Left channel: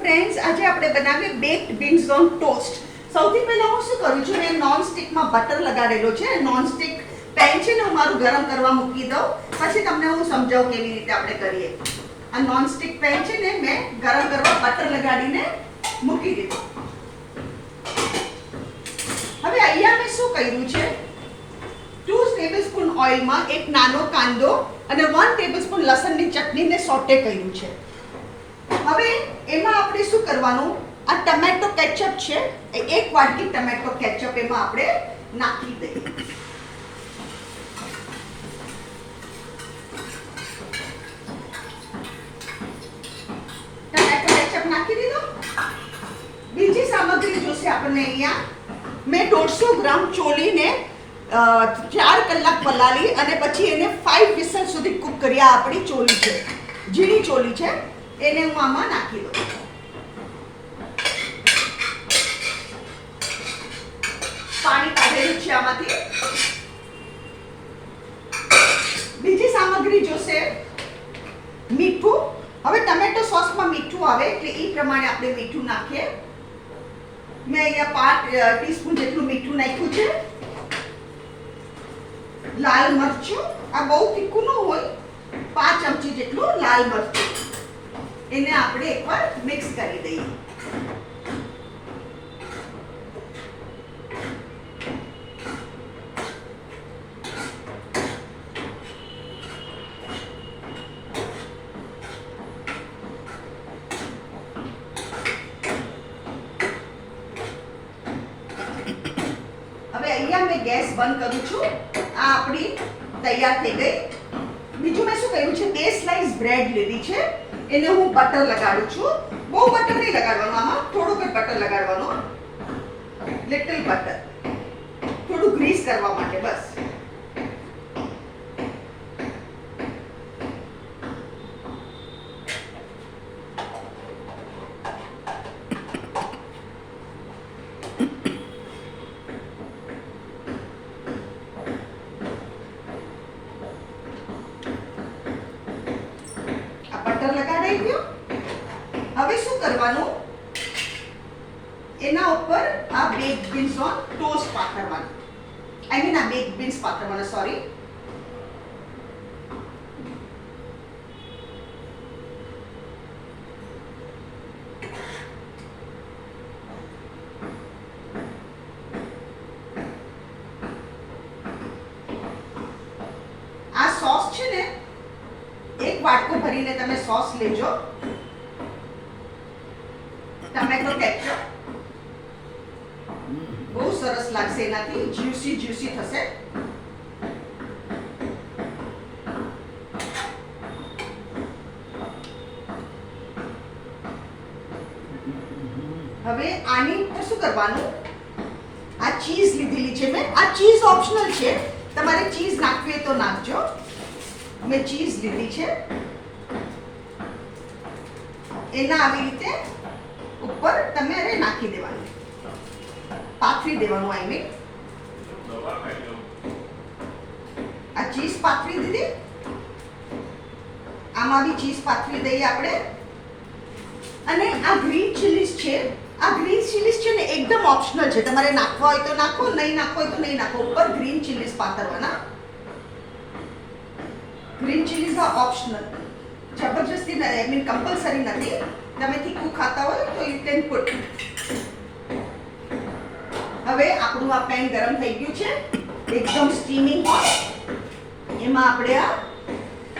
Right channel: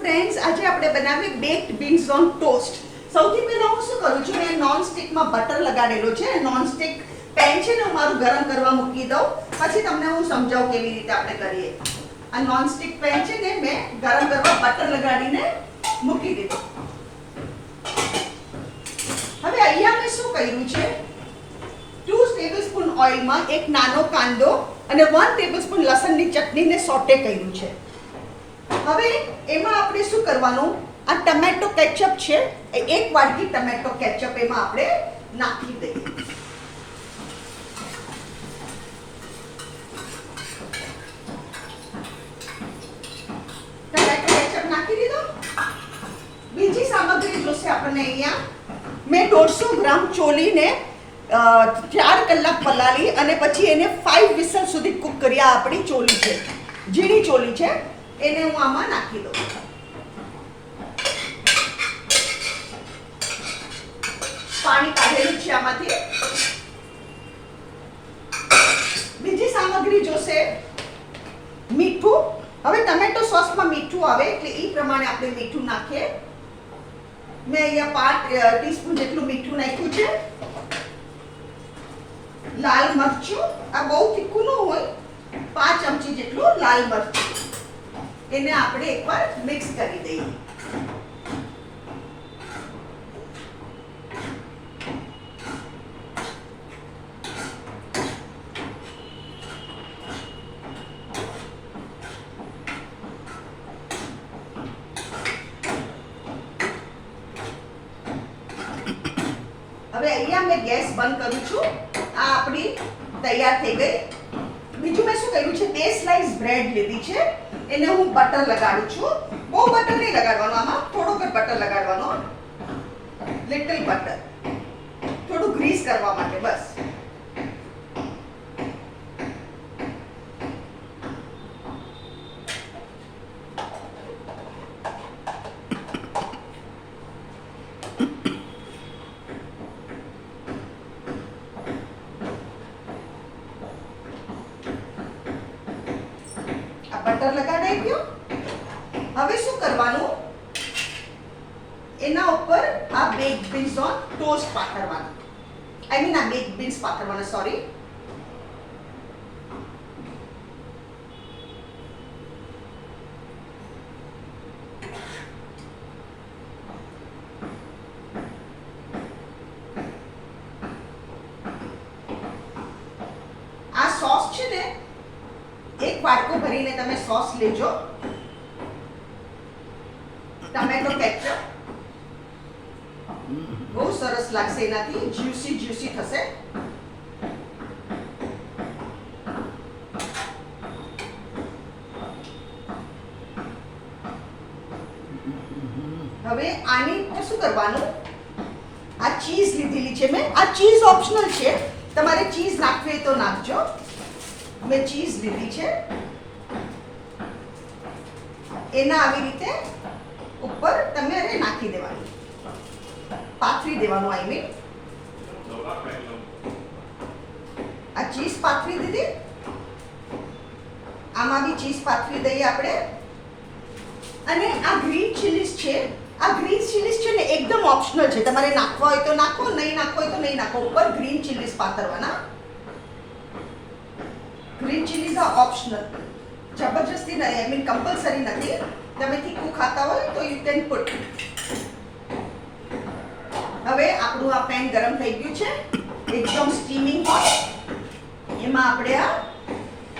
Friends, આજે આપણે બનાવીએ બેક્ડ બીન્સ ઓન ટોસ્ટ. સૌથી પહેલા હું શું કરું છું, મેં નોન સ્ટિકમાં બટર લગાડેલો છે. નોન સ્ટિક પેન છે ને, હું મારું ગરમ કરવા મૂકી દઉં, પછી તમને હું સમજાવું કેવી રીતે આપણે કરીએ. આ નોન સ્ટિક પેન છે ને, મેં ગરમ કરવા બટર લગાડીને મૂકી દીધું. હવે અહીંયા મેં શું કર્યું છે, 2 ટેબલસ્પૂન ઓઇલમાં એક નાનો કાંદો અને 1 ટેબલસ્પૂન લસણની ચટણીને સોટે કર્યું છે. હવે એમાં આપણે શું કરવાનું, આ ટમેટો કેચઅપ છે, એક વાટકી ટમેટો કેચઅપ એમાં આપણે નાખી દઈએ. ટમેટો કેચઅપ નાખી દીધો. બીજી સામગ્રી જોશે આપણને. અહીંયા મેં 150 ગ્રામ ચોલીને 4 કલાક પલાળી અને પછી એને 5 વિસલ સુધી કૂક કરી. આ આપણી ચોલી છે, ઝીણી ચોલી છે, એને હું આમાં નાખી દઉં. પાણી કાઢેલું છે આમાંથી. બીજી સામગ્રી જોશે, મીઠું. હવે ટમેટો સોસમાં મીઠું આવે એટલે એ પ્રમાણે આપણે મીઠું નાખીએ. મેં અહીંયા 5 ટીસ્પૂન જેટલું મીઠું નાખ્યું છે. લાલ મરચું, આ બહુ તીખું ન હોય, 5 ચમચી જેટલું લાલ મરચું. એને આપણે એકવાર મિક્સ કરી દઈએ. હવે અહીંયા મેં ગેસ બંધ કરું છું. આ આપણી તૈયાર થઈ ગઈ. બીજું મેં શું કર્યું છે, 2 સ્લાઇસ બ્રેડ લીધી છે, એને હું બટર લગાડું છું. બહુ બટર નહીં લગાડવાનું, આમાં થોડુંક જ બટર લગાડવાનું, લિટલ બટર, થોડું ગ્રીસ કરવા માટે બસ. બટર લગાડાઈ ગયું. હવે શું કરવાનું, એના ઉપર આ બેક્ડ બીન્સ ઓન ટોસ્ટ પાથરવાનું. આઈ મીન આ બેક્ડ બીન્સ પાથરવાના, સોરી. આ સોસ છે ને, એક વાટકો ભરીને તમે સોસ લેજો. ટમેટો કેચઅપ બહુ સરસ લાગશે, એનાથી જ્યુસી જ્યુસી થશે. હવે આની શું કરવાનું, આ ચીઝ લીધેલી છે મેં. આ ચીઝ ઓપ્શનલ છે, તમારે ચીઝ નાખવી હોય તો નાખજો. મેં ચીઝ લીધી છે, એના આવી રીતે ઉપર તમારે નાખી દેવાનું, પાથરી દેવાનું. આઈ મીન આ ચીઝ પાથરી દીધી. આમાં બી ચીઝ પાથરી દઈએ આપણે. અને આ ગ્રીન ચીલીઝ છે, આ ગ્રીન ચીલીઝ છે ને એકદમ ઓપ્શનલ છે, તમારે નાખવા હોય તો નાખો, નહીં નાખવા હોય તો નહીં નાખો. ઉપર ગ્રીન ચીલીઝ પાથરવાના. ગ્રીન ચીલીઝ આ ઓપ્શનલ, જબરજસ્તી નથી, આઈ મીન કમ્પલસરી નથી. તમે તીખું ખાતા હોય તો યુ કેન પુટ. હવે આપણું આ પેન ગરમ થઈ ગયું છે, એકદમ સ્ટીમિંગ હોય. એમાં આપણે આ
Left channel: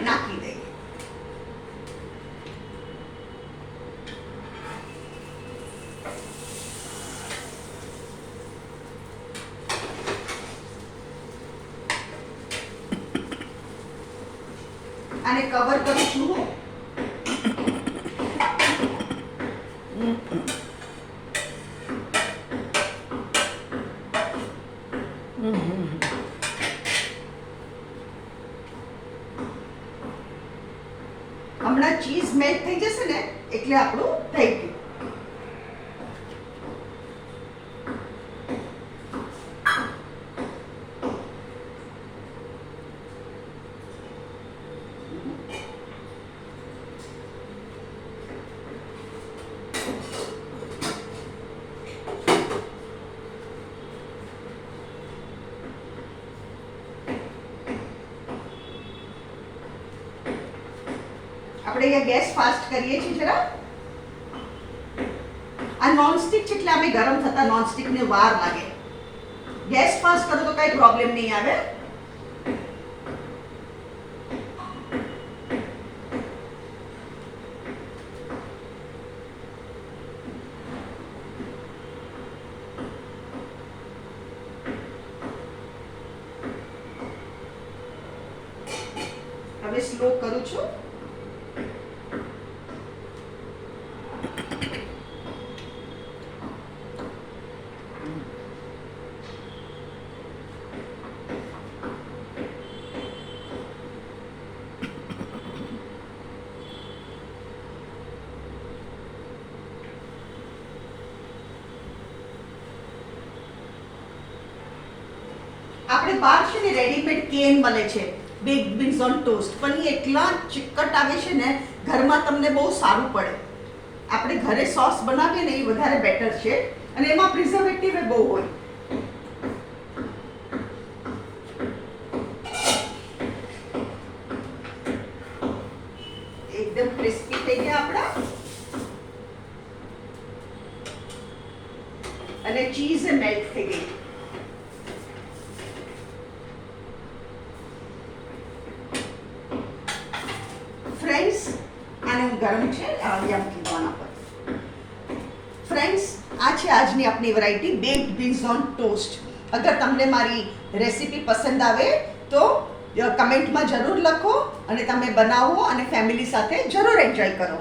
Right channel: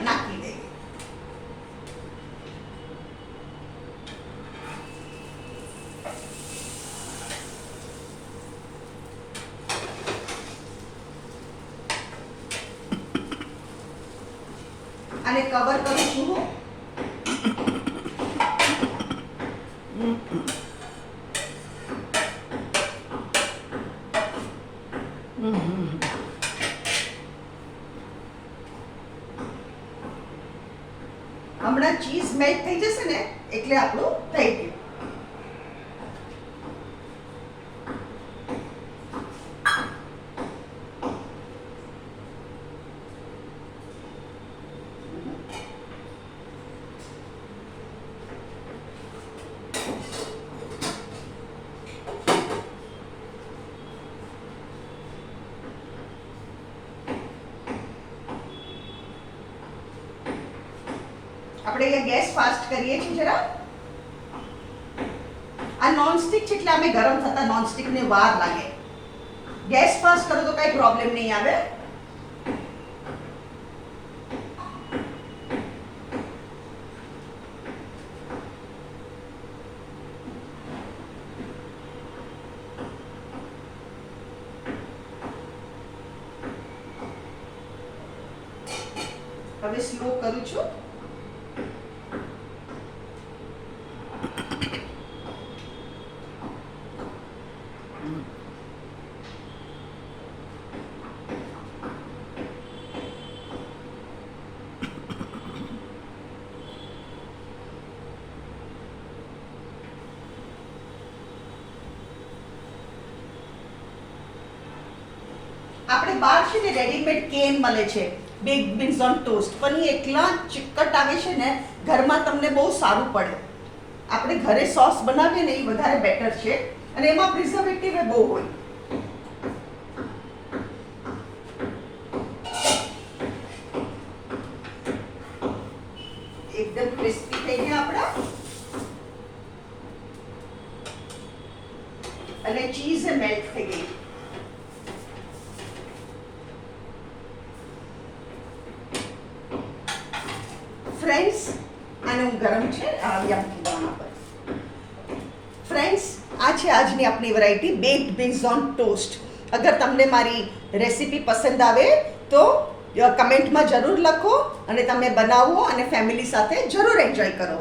નાખી દઈએ. આને કવર કરું છું હું. હમણાં ચીઝ મેલ્ટ થઈ જશે ને એટલે આપણું થઈ ગયું. આપણે અહીંયા ગેસ ફાસ્ટ કરીએ છીએ જરા. આ નોનસ્ટિક છે એટલે અમે ગરમ થતા નોનસ્ટિકને વાર લાગે. ગેસ ફાસ્ટ કરો તો કઈ પ્રોબ્લેમ નહીં આવે. હવે સ્લો કરું છું. આપણે બહાર છે ને રેડીમેડ કેન મળે છે બેક્ડ બીન્સ ઓન ટોસ્ટ, પણ એ એટલા ચિકટ આવે છે ને, ઘરમાં તમને બહુ સારું પડે. આપણે ઘરે સોસ બનાવીએ ને એ વધારે બેટર છે, અને એમાં પ્રિઝર્વેટિવ બહુ હોય. એકદમ ક્રિસ્પી થઈ ગયા આપણા, અને ચીઝ મેલ્ટ થઈ ગઈ. ફ્રેન્ડ્સ, આને હું ગરમ છે યા મૂકવાના પર. ફ્રેન્ડ્સ, આ છે આજની આપણી variety baked beans on toast. અગર તમને મારી રેસીપી પસંદ આવે તો કમેન્ટમાં જરૂર લખો, અને તમે બનાવો અને ફેમિલી સાથે જરૂર એન્જોય કરો.